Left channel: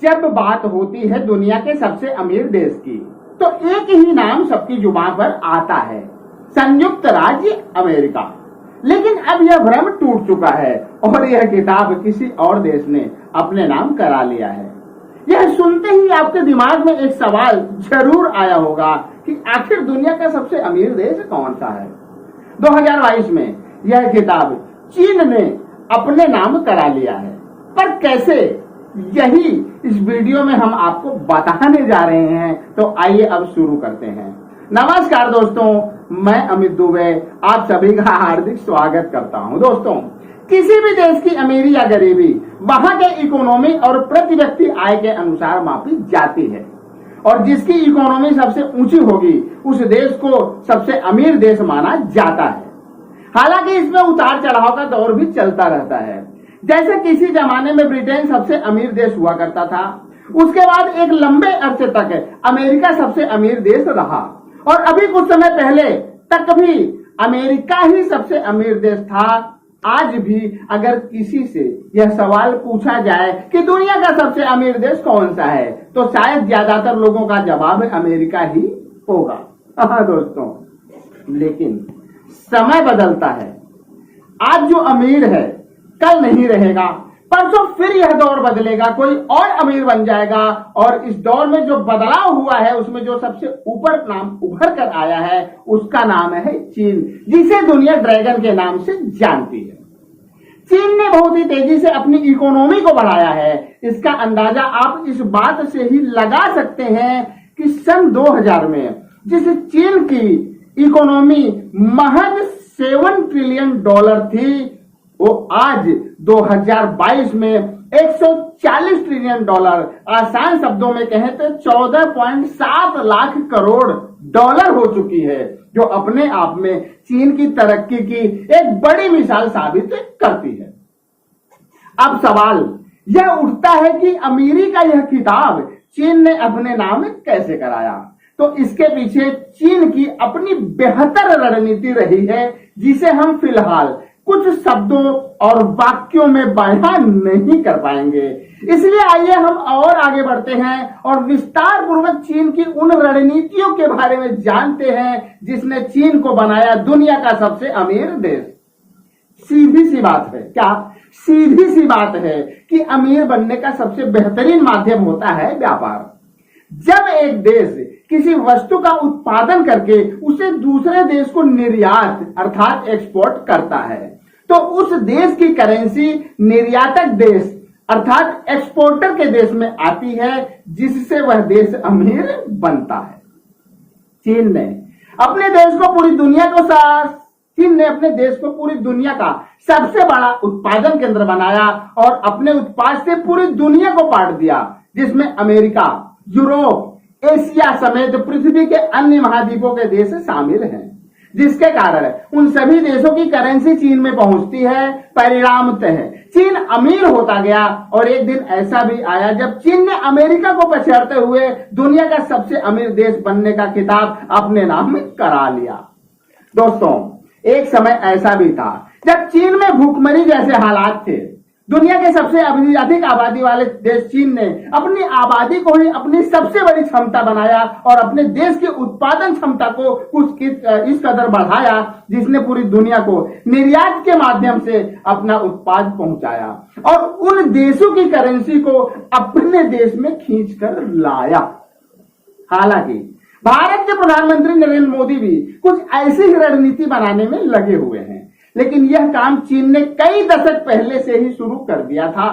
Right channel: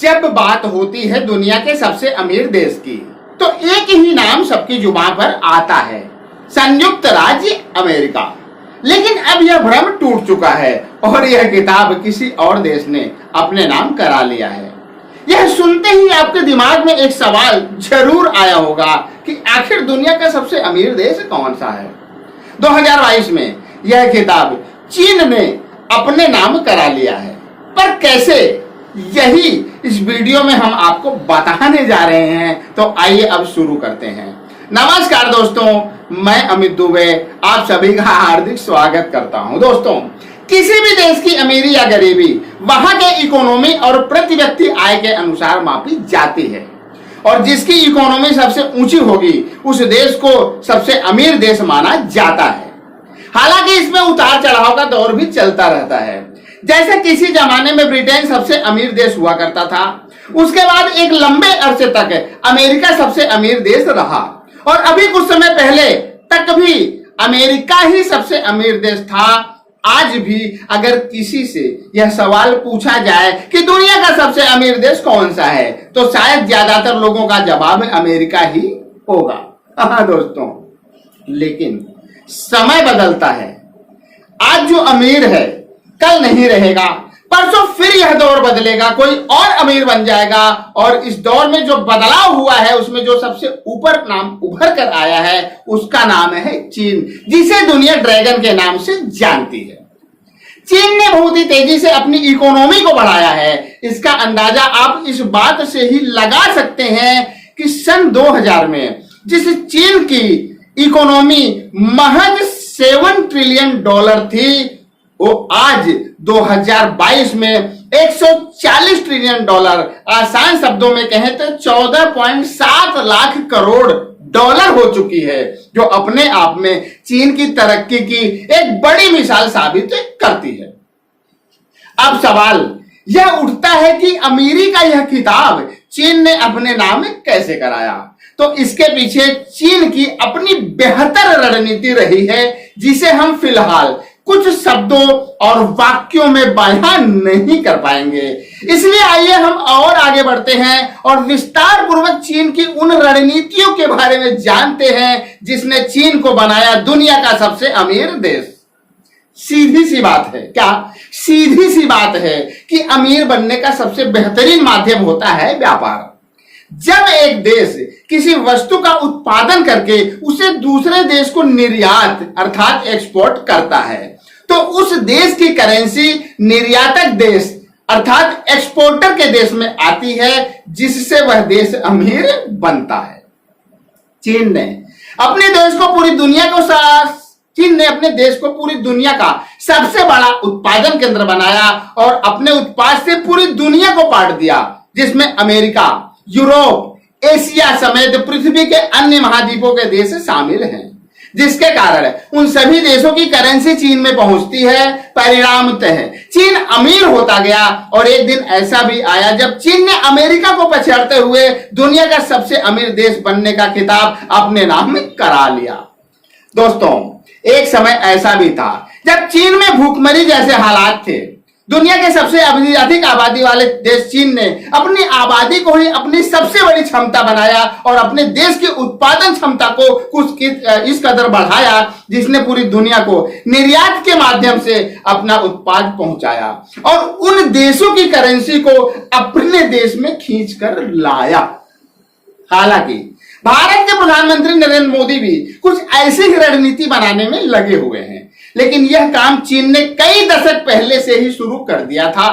जब बात होती है दुनिया के सबसे अमीर देश की, तो एक ही नाम सबकी जुबान पर आता है, संयुक्त राज्य अमेरिका। लेकिन अब यह भ्रम टूट चुका है और यह किताब किसी और देश ने अपने नाम करा लिया है। यह सुनते ही आपके दिमाग में एक सवाल जरूर आया होगा कि आखिर दुनिया का सबसे अमीर देश कौन सा है। 2022 में यह किताब चीन ने अपने नाम करा लिया है, पर कैसे, यही इस वीडियो में हम आपको बताने जा रहे हैं। तो आइए अब शुरू करते हैं। नमस्कार दोस्तों, मैं अमित दुबे आप सभी का हार्दिक स्वागत करता हूं। दोस्तों, किसी भी देश की अमीरी या गरीबी वहां के इकोनॉमी और प्रति व्यक्ति आय के अनुसार मापी जाती है, और जिसकी इकोनॉमी सबसे ऊंची होगी उस देश को सबसे अमीर देश माना जाता है। हालांकि इसमें उतार चढ़ाव का दौर भी चलता रहता है। जैसे किसी जमाने में ब्रिटेन सबसे अमीर देश हुआ करता था, उसके बाद एक लंबे अरसे तक अमेरिका सबसे अमीर देश रहा, और अभी कुछ समय पहले तक भी अमेरिका ही सबसे अमीर देश था। आज भी अगर किसी से यह सवाल पूछा जाए कि दुनिया का सबसे अमीर देश कौन सा है, तो शायद ज्यादातर लोगों का जवाब अमेरिका ही होगा। हाँ दोस्तों, लेकिन समय बदलता है। आज जो अमीर है कल नहीं रहेगा, परसों फिर यह दौर बदलेगा, कोई और अमीर बन जाएगा, और इस दौर में जो बदलाव हुआ है उसमें जो सबसे ऊपर नाम उभर कर आया है उसका नाम है चीन, जिसे दुनिया ड्रैगन के नाम से जानती है। चीन ने बहुत ही तेजी से अपनी इकोनॉमी को बढ़ाया है। इसका अंदाजा आप इस बात से ही लगा सकते हैं कि सन 2000 में जिस चीन की इकोनॉमी महज $7 ट्रिलियन थी, वो आज 2022 में $140 ट्रिलियन, आसान शब्दों में कहें तो 14.7 लाख करोड़ डॉलर हो चुकी है, जो अपने आप में चीन की तरक्की की एक बड़ी मिसाल साबित करती है। अब सवाल यह उठता है कि अमीरी का यह खिताब चीन ने अपने नाम कैसे कराया। तो इसके पीछे चीन की अपनी बेहतर रणनीति रही है, जिसे हम फिलहाल कुछ शब्दों और वाक्यों में बयान नहीं कर पाएंगे। इसलिए आइए हम और आगे बढ़ते हैं और विस्तार पूर्वक चीन की उन रणनीतियों के बारे में जानते हैं जिसने चीन को बनाया दुनिया का सबसे अमीर देश। सीधी सी बात है, क्या सीधी सी बात है कि अमीर बनने का सबसे बेहतरीन माध्यम होता है व्यापार। जब एक देश किसी वस्तु का उत्पादन करके उसे दूसरे देश को निर्यात अर्थात एक्सपोर्ट करता है, तो उस देश की करेंसी निर्यातक देश अर्थात एक्सपोर्टर के देश में आती है, जिससे वह देश अमीर बनता है। चीन ने अपने देश को पूरी दुनिया का सबसे बड़ा उत्पादन केंद्र बनाया और अपने उत्पाद से पूरी दुनिया को पाट दिया, जिसमें अमेरिका, यूरोप, एशिया समेत पृथ्वी के अन्य महाद्वीपों के देश शामिल हैं, जिसके कारण उन सभी देशों की करेंसी चीन में पहुंचती है। परिणामतः चीन अमीर होता गया, और एक दिन ऐसा भी आया जब चीन ने अमेरिका को पछाड़ते हुए दुनिया का सबसे अमीर देश बनने का खिताब अपने नाम में करा लिया। दोस्तों, एक समय ऐसा भी था जब चीन में भूखमरी जैसे हालात थे। दुनिया के सबसे अधिक आबादी वाले देश चीन ने अपनी आबादी को ही अपनी सबसे बड़ी क्षमता बनाया और अपने देश की उत्पादन क्षमता को कुछ इस कदर बढ़ाया, जिसने पूरी दुनिया को निर्यात के माध्यम से अपना उत्पाद पहुंचाया और उन देशों की करेंसी को अपने देश में खींच कर लाया। हालांकि भारत के प्रधानमंत्री नरेंद्र मोदी भी कुछ ऐसी ही रणनीति बनाने में लगे हुए हैं, लेकिन यह काम चीन ने कई दशक पहले से ही शुरू कर दिया था,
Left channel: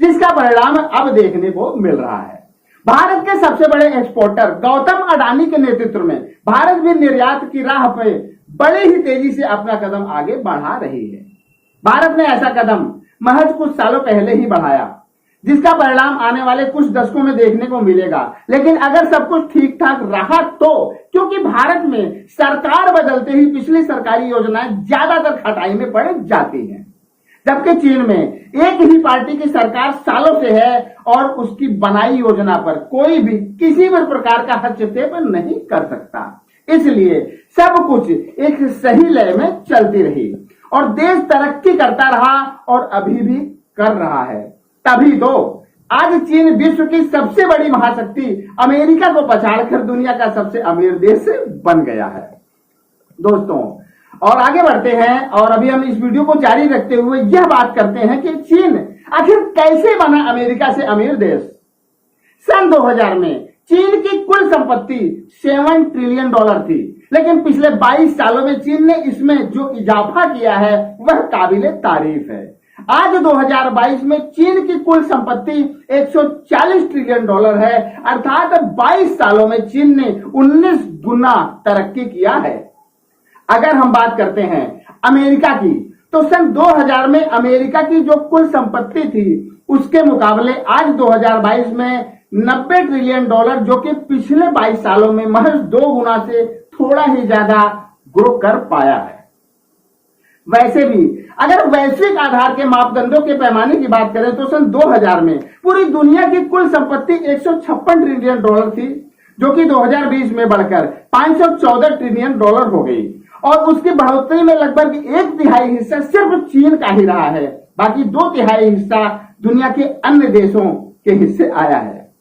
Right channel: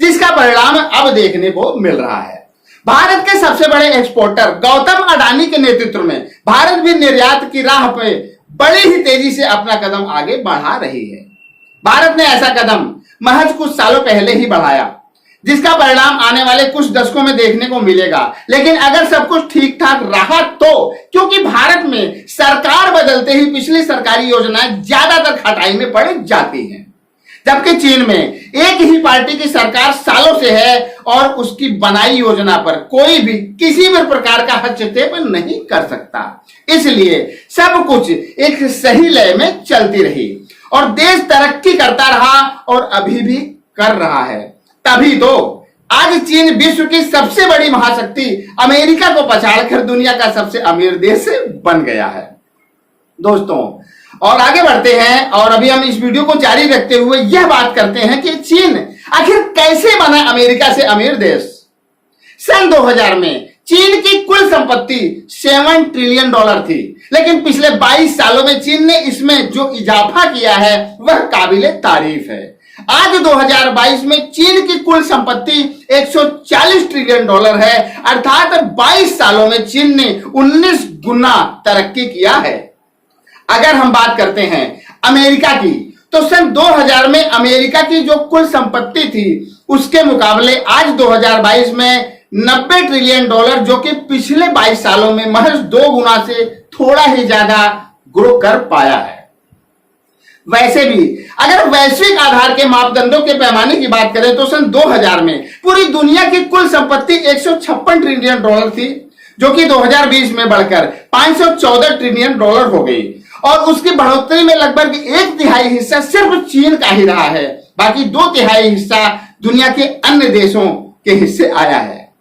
जिसका परिणाम अब देखने को मिल रहा है। भारत के सबसे बड़े एक्सपोर्टर गौतम अडानी के नेतृत्व में भारत भी निर्यात की राह पर बड़ी ही तेजी से अपना कदम आगे बढ़ा रही है। भारत ने ऐसा कदम महज कुछ सालों पहले ही बढ़ाया, जिसका परिणाम आने वाले कुछ दशकों में देखने को मिलेगा। लेकिन अगर सब कुछ ठीक ठाक रहा तो, क्योंकि भारत में सरकार बदलते ही पिछली सरकारी योजनाएं ज्यादातर खटाई में पड़ जाती हैं, जबकि चीन में एक ही पार्टी की सरकार सालों से है और उसकी बनाई योजना पर कोई भी किसी भी प्रकार का हस्तक्षेप नहीं कर सकता। इसलिए सब कुछ एक सही लय में चलती रही और देश तरक्की करता रहा और अभी भी कर रहा है। तभी तो आज चीन विश्व की सबसे बड़ी महाशक्ति अमेरिका को पछाड़कर दुनिया का सबसे अमीर देश बन गया है दोस्तों। और आगे बढ़ते हैं और अभी हम इस वीडियो को जारी रखते हुए यह बात करते हैं कि चीन आखिर कैसे बना अमेरिका से अमीर देश। सन 2000 में चीन की कुल संपत्ति $7 ट्रिलियन थी, लेकिन पिछले 22 सालों में चीन ने इसमें जो इजाफा किया है वह काबिले तारीफ है। आज 2022 में चीन की कुल संपत्ति $140 ट्रिलियन है, अर्थात 22 सालों में चीन ने 19 गुना तरक्की किया है। अगर हम बात करते हैं अमेरिका की, तो सन 2000 में अमेरिका की जो कुल संपत्ति थी उसके मुकाबले आज 2022 में $90 ट्रिलियन, जो कि पिछले 22 सालों में महज 2 गुना से थोड़ा ही ज्यादा ग्रो कर पाया है। वैसे भी अगर वैश्विक आधार के मापदंडों के पैमाने की बात करें तो सन 2000 में पूरी दुनिया की कुल संपत्ति $156 ट्रिलियन थी, जो कि 2020 में बढ़कर $514 ट्रिलियन हो गई। और उसकी बढ़ोतरी में लगभग 1/3 हिस्सा सिर्फ चीन का ही रहा है, बाकी 2/3 हिस्सा दुनिया के अन्य देशों के हिस्से आया है।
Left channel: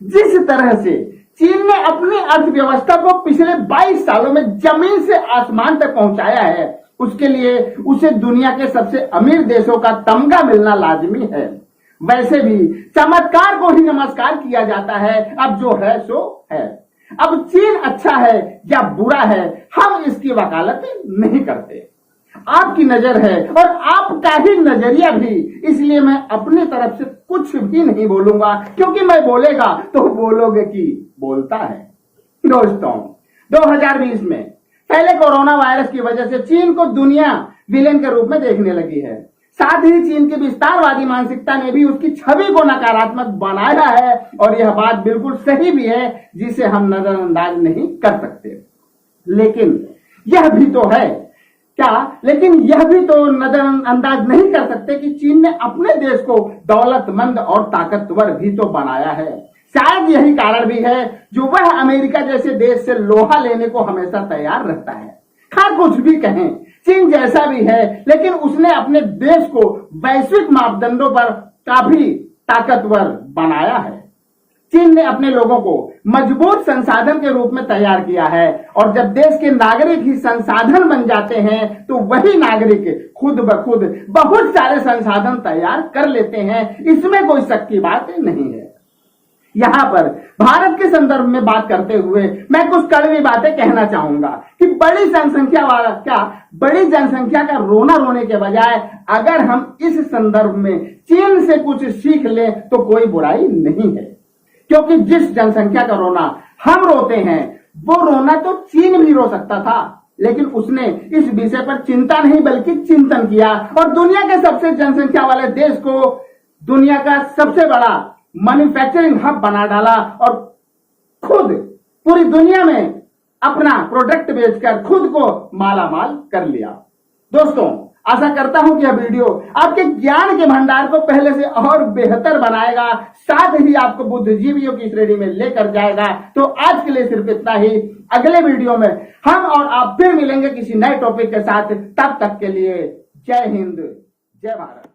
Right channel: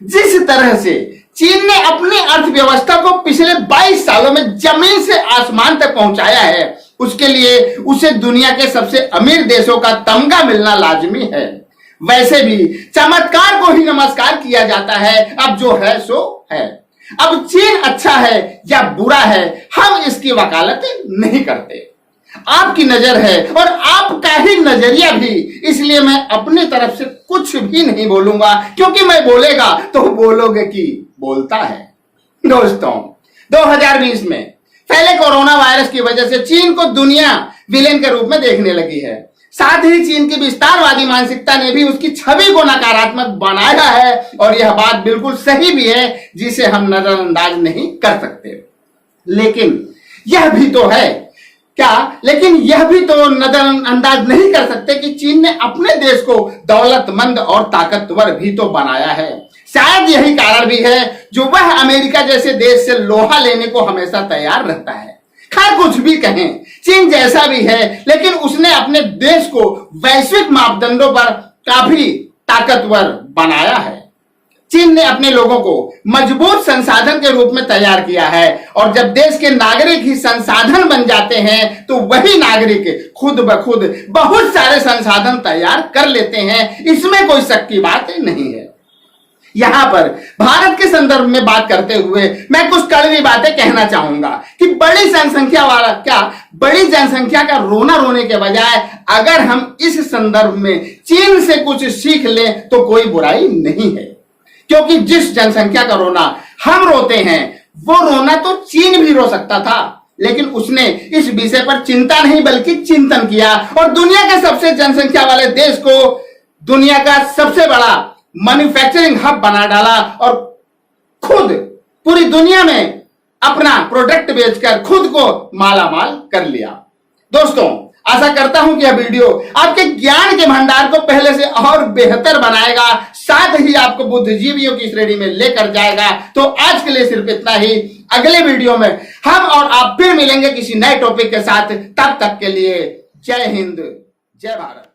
जिस तरह से चीन ने अपनी अर्थव्यवस्था को पिछले 22 सालों में जमीन से आसमान तक पहुंचाया है, उसके लिए उसे दुनिया के सबसे अमीर देशों का तमगा मिलना लाजमी है। वैसे भी चमत्कार को ही नमस्कार किया जाता है, अब जो है सो है। अब चीन अच्छा है या बुरा है हम इसकी वकालत नहीं करते, आपकी नजर है और आपका ही नजरिया भी, इसलिए मैं अपनी तरफ से कुछ भी नहीं बोलूंगा, क्योंकि मैं बोलेगा तो बोलोगे कि बोलता है। दोस्तों 2020 में पहले कोरोना वायरस की वजह से चीन को दुनिया विलेन के रूप में देखने लगी है। साथ ही चीन की विस्तारवादी मानसिकता ने भी उसकी छवि को नकारात्मक बनाया है, और यह बात बिल्कुल सही भी है जिसे हम नजरअंदाज नहीं कर सकते। लेकिन यह भी तो नजरअंदाज नहीं कर सकते कि चीन ने अपने देश को दौलतमंद और ताकतवर भी तो बनाया है। शायद यही कारण भी है जो वह अमेरिका जैसे देश से लोहा लेने को हमेशा तैयार रहता है। खैर कुछ भी कहें, चीन जैसा भी है, लेकिन उसने अपने देश को वैश्विक मापदंडों पर काफी ताकतवर बनाया है। चीन ने अपने लोगों को मजबूत संसाधन के रूप में तैयार किया है, और जब देश के नागरिक ही संसाधन बन जाते हैं तो वही नागरिक खुद ब खुद बहुत सारे संसाधन तैयार कर लेते हैं। इसमें कोई शक की बात नहीं है। यहां पर भारत के संदर्भ में बात करते हुए मैं कुछ कड़वी बातें कहना चाहूंगा कि बड़ी जनसंख्या का रोना रोने के बजाय अगर हम इस संदर्भ में चीन से कुछ सीख लें तो कोई बुराई नहीं है, क्योंकि जिस जनसंख्या का रोना हम रोते हैं वो रोना तो चीन भी रो सकता था, लेकिन उसने इस विषय पर चिंता नहीं बल्कि चिंतन किया और दुनिया के सबसे जनसंख्या वाले देश को दुनिया का सबसे बड़ा मैन्युफैक्चरिंग हब बना डाला और खुद पूरी दुनिया में अपना प्रोडक्ट बेचकर खुद को मालामाल कर लिया। दोस्तों आशा करता हूं कि यह वीडियो आपके ज्ञान के भंडार को पहले से और बेहतर बनाएगा, साथ ही आपको बुद्धिजीवियों की श्रेणी में लेकर जाएगा। तो आज के लिए सिर्फ इतना ही। अगले वीडियो में हम और आप फिर मिलेंगे किसी नए टॉपिक के साथ। तब तक के लिए जय हिंद, जय भारत।